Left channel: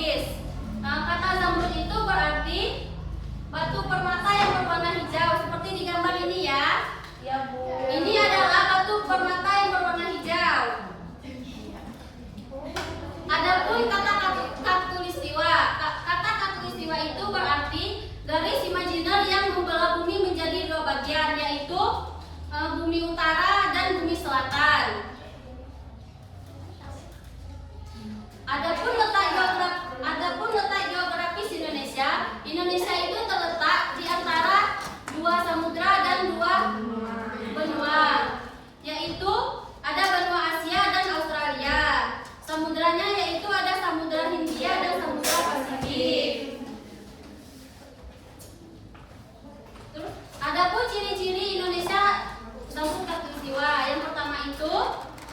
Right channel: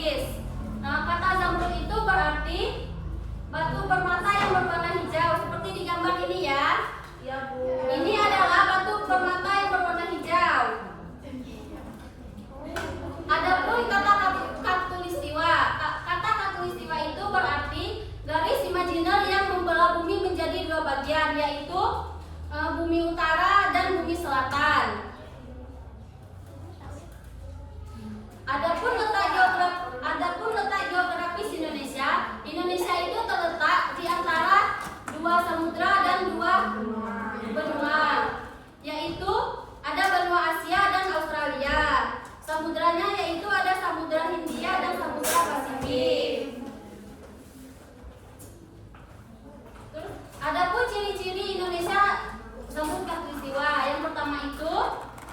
tropis. Kata zamrud itu berarti batu permata yang berwarna hijau seperti di gambar ini ya. Iya, Bu. Ini adalah batu permata yang berwarna hijau. Adapun kata khatulistiwa. Kata khatulistiwa itu berarti garis imajiner yang membelah bumi menjadi dua bagian, yaitu bumi utara dan bumi selatan. Adapun letak geografis Indonesia itu terletak di antara dua samudra dan dua benua, yaitu ada benua Asia dan Australia. Samudranya yaitu ada Samudra Hindia dan Samudra Pasifik. Adapun ciri-ciri Indonesia zamrud khatulistiwa, yang pertama itu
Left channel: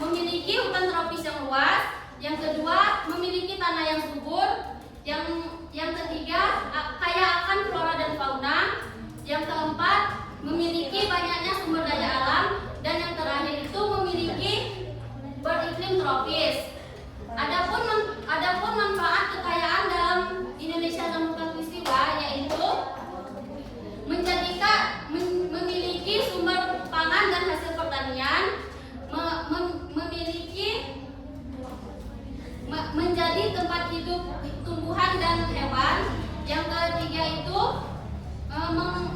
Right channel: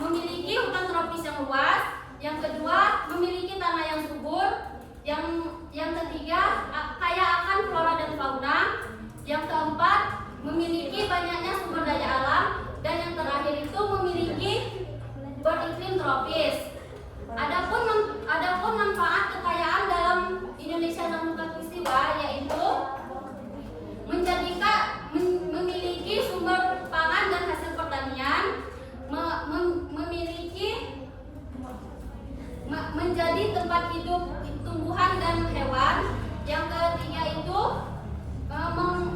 memiliki hutan tropis yang luas, yang kedua memiliki tanah yang subur, yang ketiga kaya akan flora dan fauna, yang keempat memiliki banyaknya sumber daya alam, dan yang terakhir itu memiliki beriklim tropis. Adapun manfaat kekayaan dalam Indonesia zamrud khatulistiwa yaitu memiliki sumber pangan dan hasil pertanian, menjadi tempat hidup tumbuhan dan hewan. Yang ketiga itu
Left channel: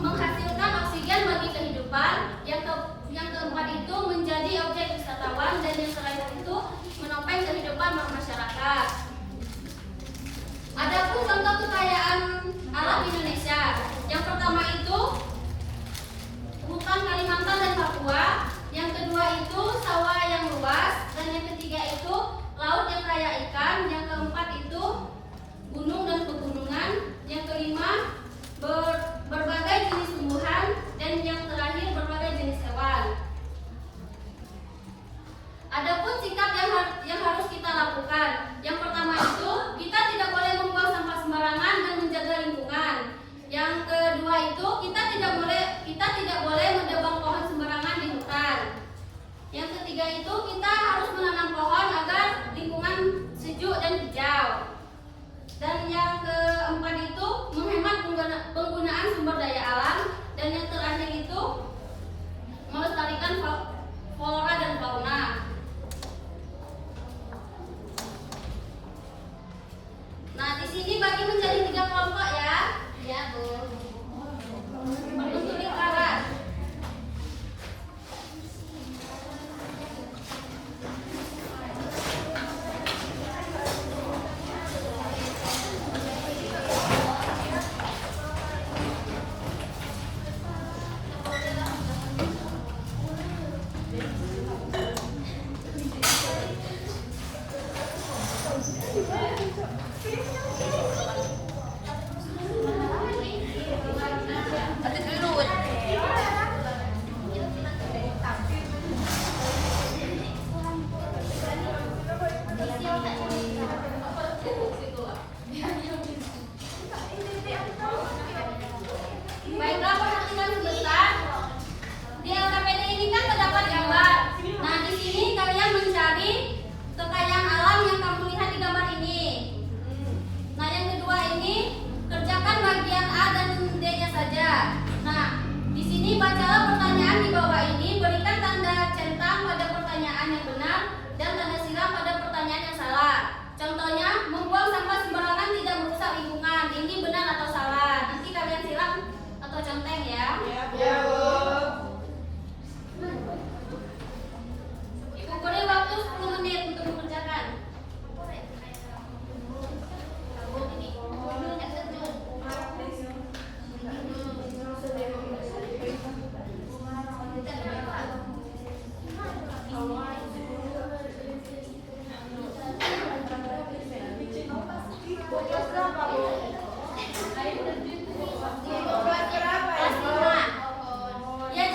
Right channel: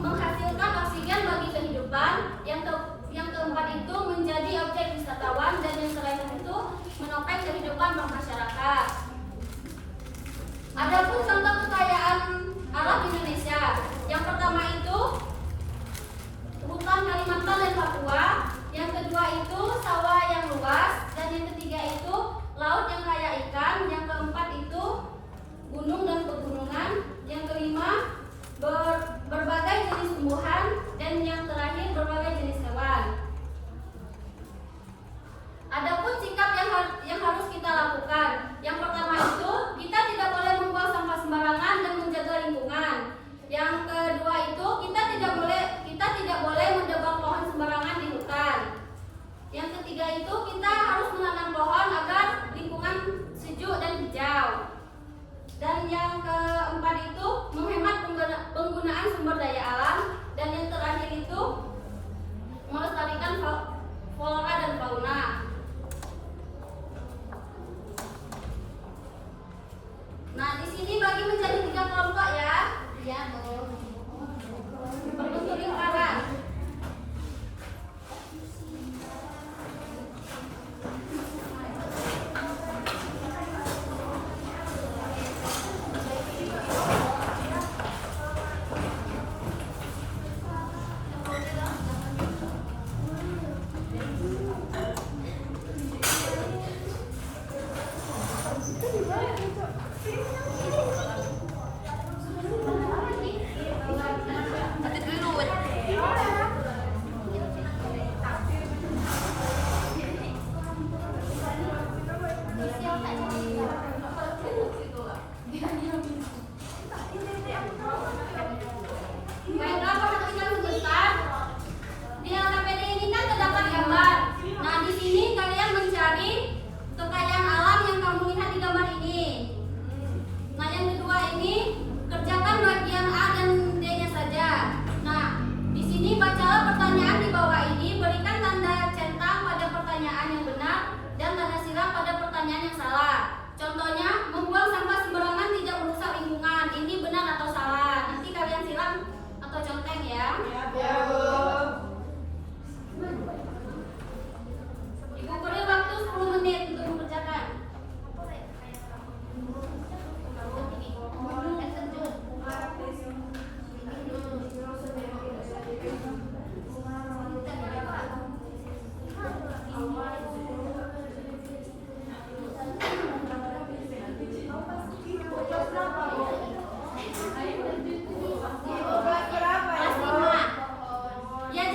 menghasilkan oksigen bagi kehidupan. Yang keempat itu menjadi objek wisatawan, dan yang terakhir itu menopang kehidupan masyarakat. Adapun contoh kekayaan alam Indonesia, yang pertama itu hutan Kalimantan dan Papua, yang kedua itu sawah yang luas, dan yang ketiga itu laut yang kaya ikan, yang keempat itu gunung dan pegunungan, yang kelima berbagai jenis tumbuhan, dan yang terakhir berbagai jenis hewan. Adapun sikap yang harus kita lakukan, yang pertama itu kita tidak boleh membuang sampah sembarangan dan menjaga lingkungan. Yang kedua itu kita tidak boleh menebang pohon sembarangan di hutan. Yang ketiga itu kita harus menanam pohon agar lingkungan sejuk dan hijau. Dan yang keempat itu menghemat penggunaan sumber daya alam, dan yang terakhir itu melestarikan flora dan fauna. Nah, di sini bagi menjadi 3 kelompok ya. Iya, berbentuk lingkaran. Baiklah, perhatikan sebentar. Di LKPD ini kan terdapat gambar. Nah, di sini kalian mencari kekayaan alam yang kamu lihat di gambar ini. Nah, yang kedua ini kerjakan bagian A dan D-nya saja. Nah, di sini bacalah pertanyaan di bawah ini, berikan tanda centang pada pertanyaan yang benar dan tanda silang pada pertanyaan yang salah. Contohnya, membuang sampah sembarangan tidak merusak lingkungan. Ini benar atau salah? Nanti kalian silang atau conteng ya. Ya, Bu. Ibu beri waktu 10 menit untuk mengerjakan. Kelas 5. Ya,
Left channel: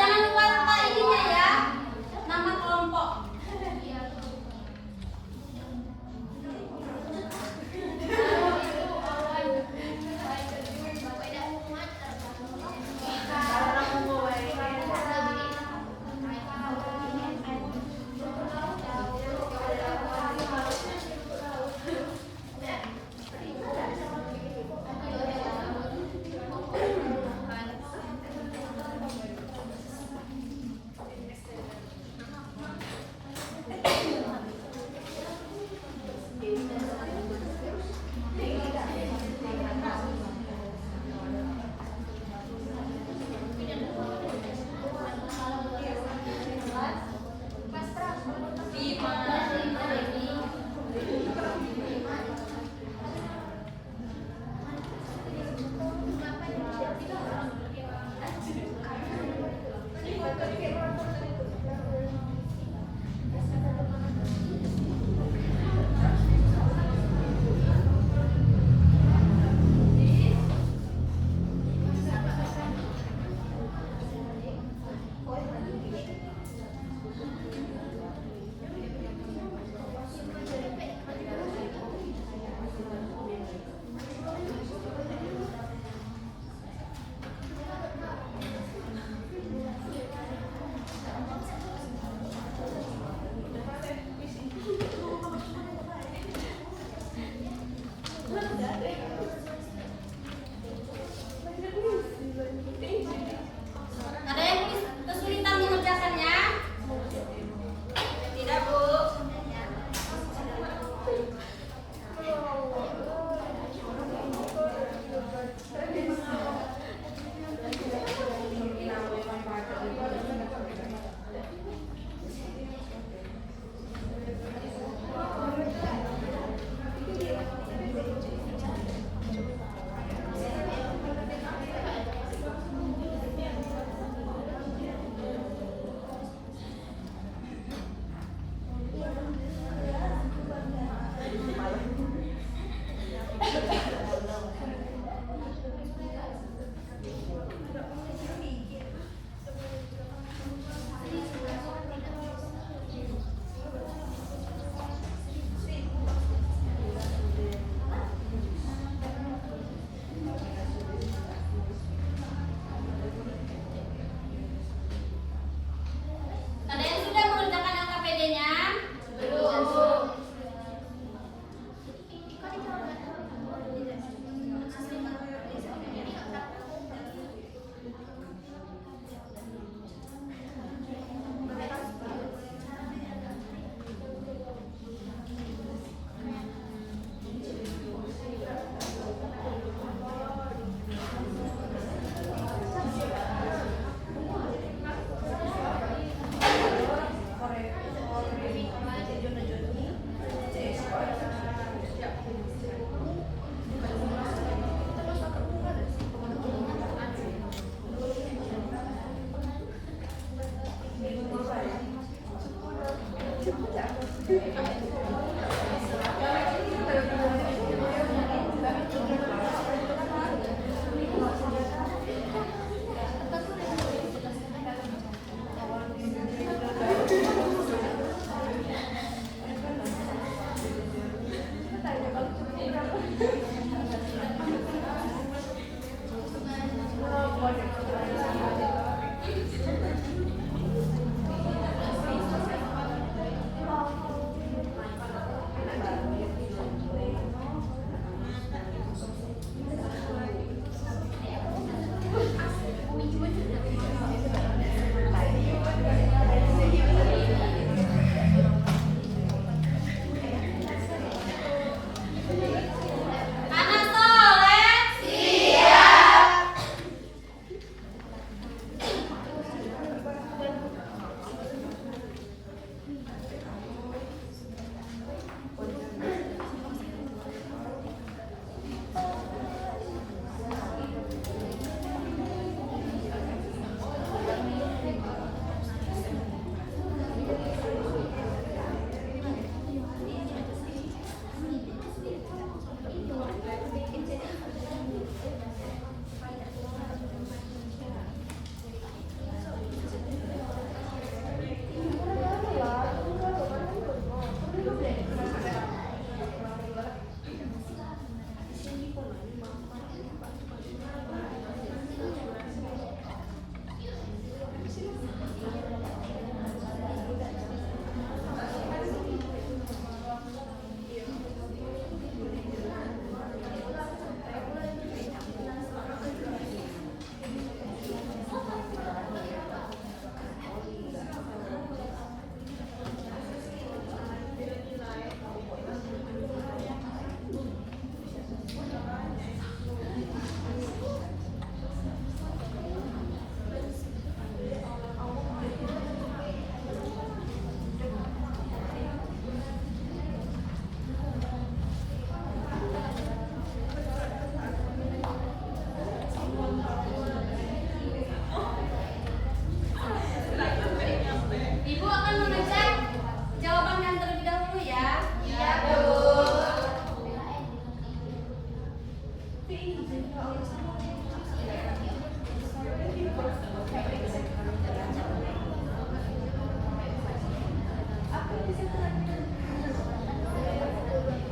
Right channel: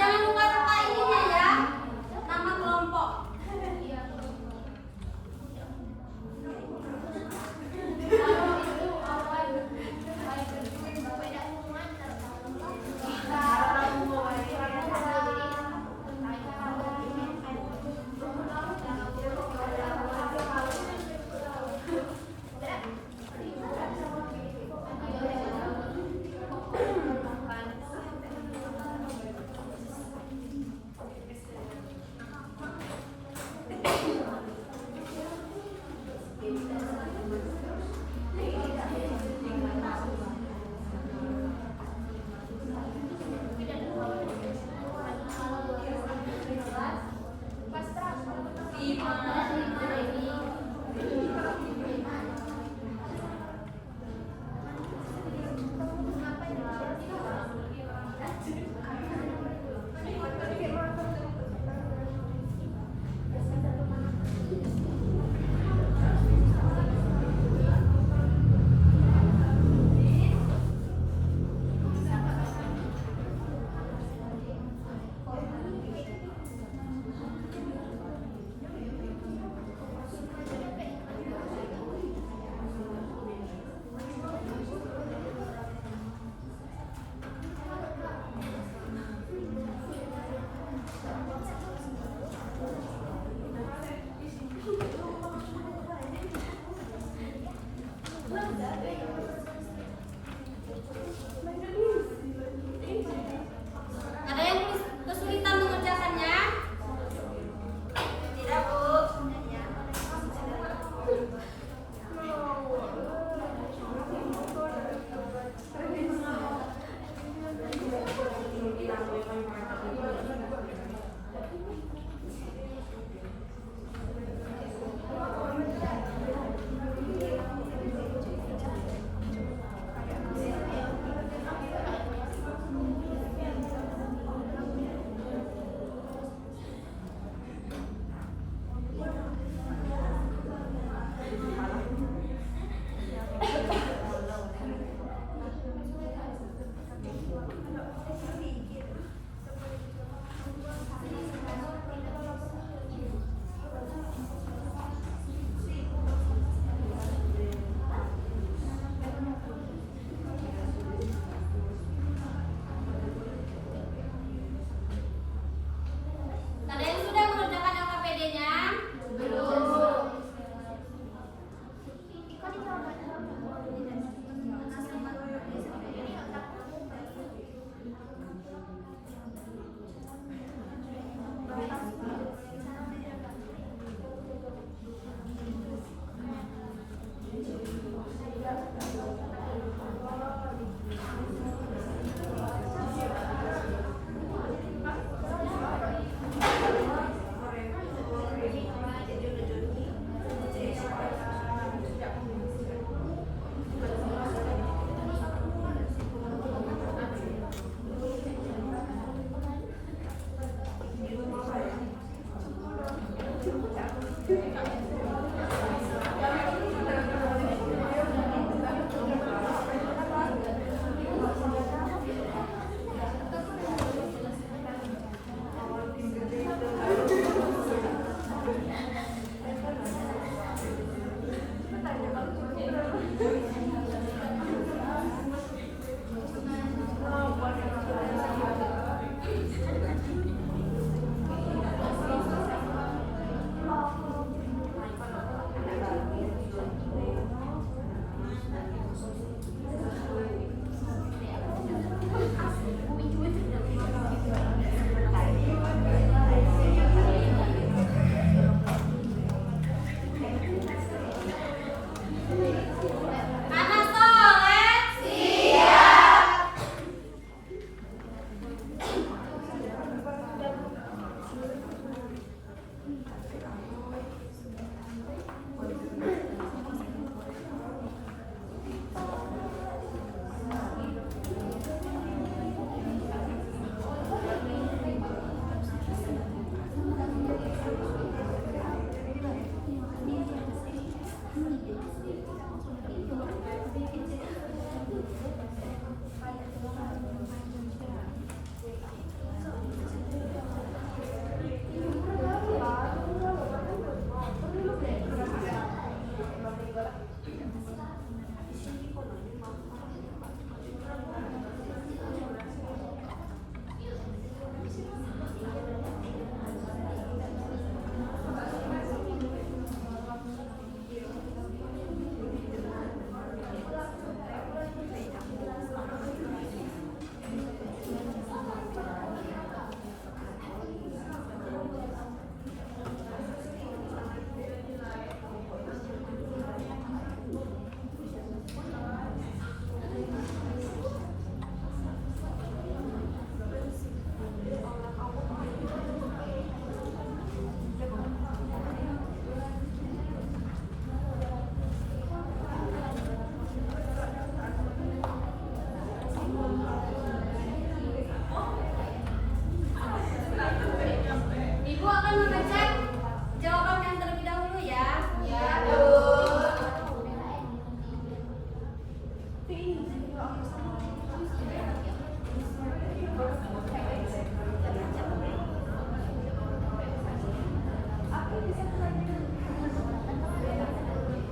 Ada yang kesulitan mengerjakannya? Tidak, Bu. Ada yang sudah mengerjakan LKPD-nya? Belum.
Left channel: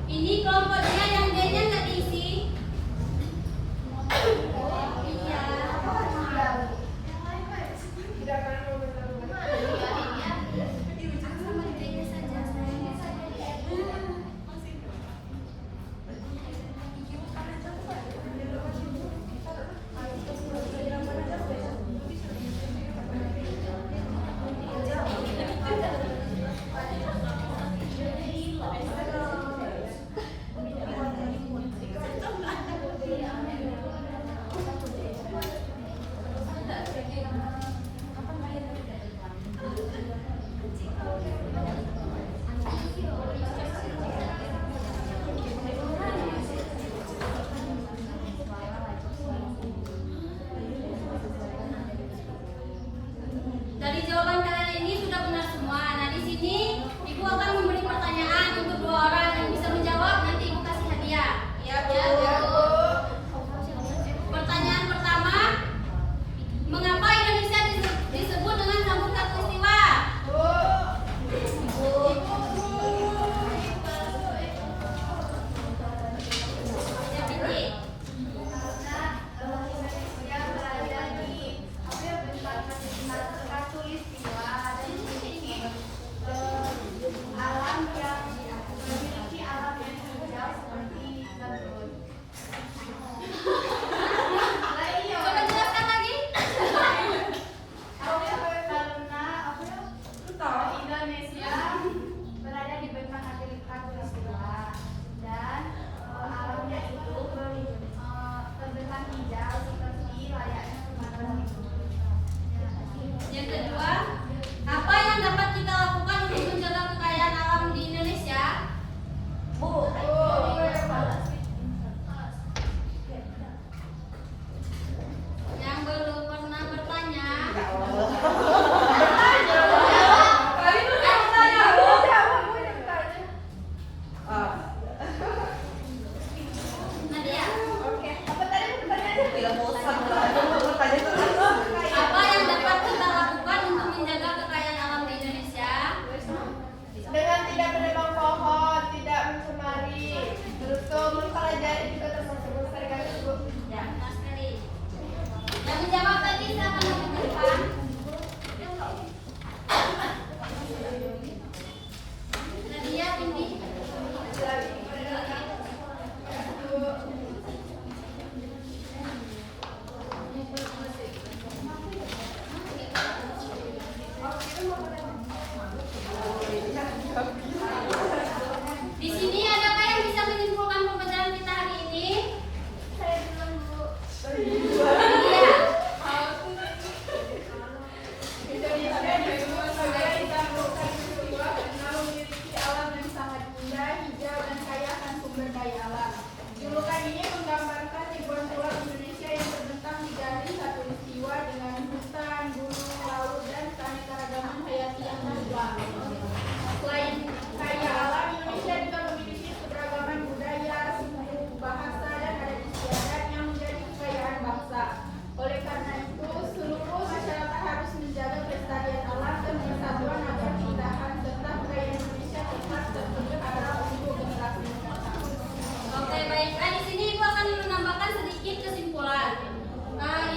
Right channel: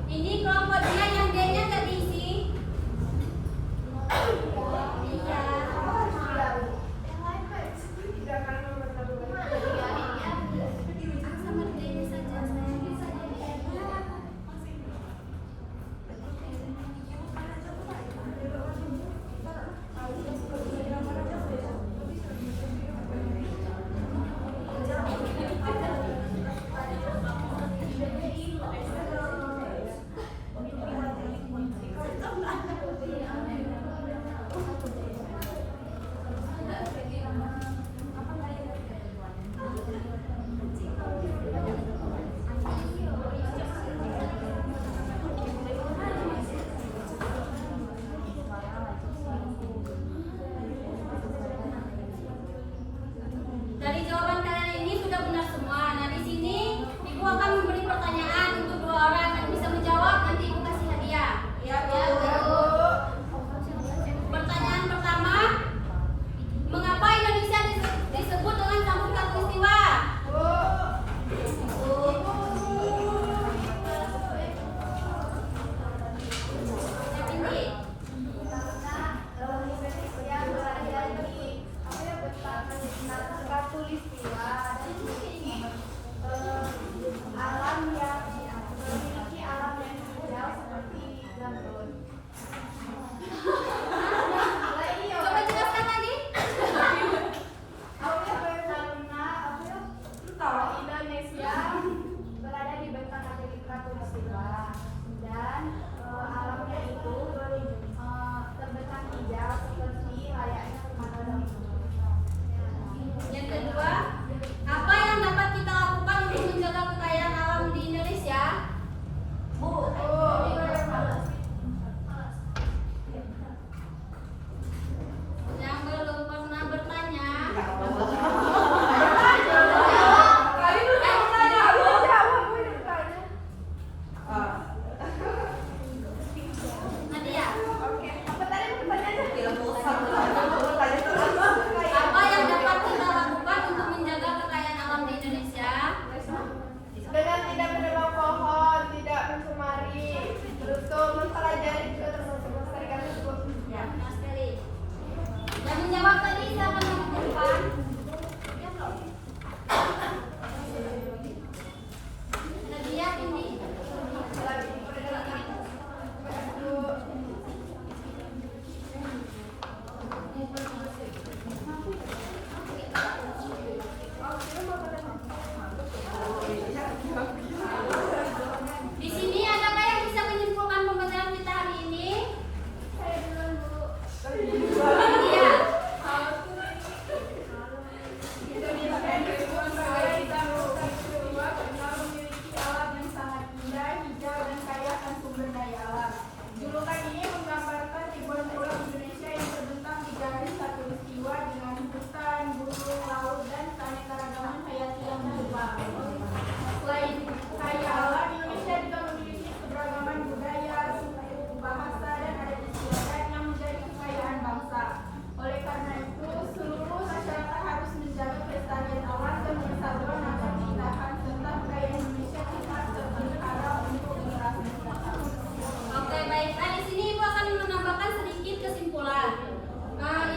Ini kelompok dia yang D-nya nggak diisi. Iya. Sama D-nya saja. Dari jawaban kalian ini sudah benar semua. Nah, di sini Ibu akan memberi pertanyaan untuk 2 orang yang bisa menjawab, nanti Ibu kasih hadiah. Ya, Bu. Pertanyaan pertama, mengapa Indonesia disebut dengan sambut khatulistiwa? Coba jelaskan lagi. Indonesia berada di bentang khatulistiwa dan alamnya itu terbentang hijau seperti layaknya Sumatera. Yang kedua, apa yang dapat kita lakukan untuk menjaga kekayaan alam di Indonesia? Yang belum pernah bertanya. Nadia, apa yang dapat kita lakukan untuk menjaga kekayaan alam di Indonesia? Dengan tidak menebang pohon, tidak mencemari, terus mempelajari juga termasuk segala cukup. Ya, benar sekali. Yang menjawab tadi silakan maju ke depan. Nadia, Binti. Di sini adakah yang bisa menyimpulkan pembelajaran kita hari ini? Iya. Julukan ini menggambarkan ribuan pulau Indonesia yang terbentang di garis khatulistiwa dengan hutan, gunung, laut, dan keanekaragaman hayati yang berluas. Selain kaya alam, Indonesia juga memiliki keberagaman budaya, suku, bahasa, dan adat istiadat yang menjadi kekayaan bangsa. Oleh karena itu, seluruh masyarakat harus menjaga pelestarian alam dan persatuan agar ditahan serta kekayaan Indonesia tetap terpelihara untuk generasi mendatang. Oke, baiklah. Di sini Ibu akan menambahkan sedikit kesimpulan.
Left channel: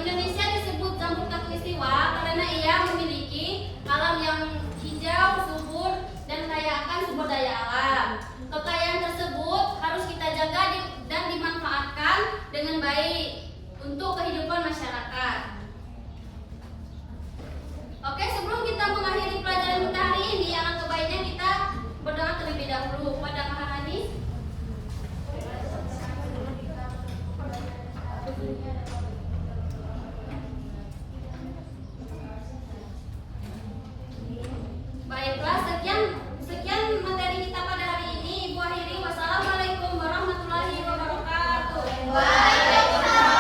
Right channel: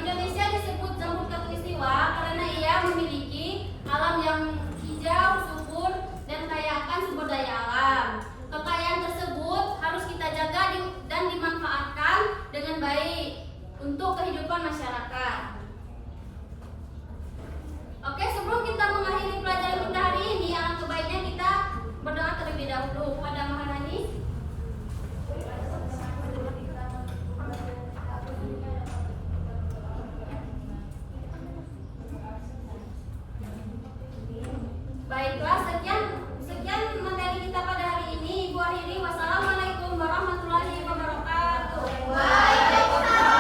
Indonesia disebut sambut khatulistiwa karena ia memiliki alam yang hijau, subur, dan kaya akan sumber daya alam. Kekayaan tersebut harus kita jaga dan dimanfaatkan dengan baik untuk kehidupan masyarakat. Oke, sebelum kita mengakhiri pelajaran kita hari ini, alangkah baiknya kita berdoa terlebih dahulu kepada Maharani. Baiklah, sekian materi kita pada hari ini. Ibu akhiri. Wassalamualaikum warahmatullahi wabarakatuh. Waalaikumsalam.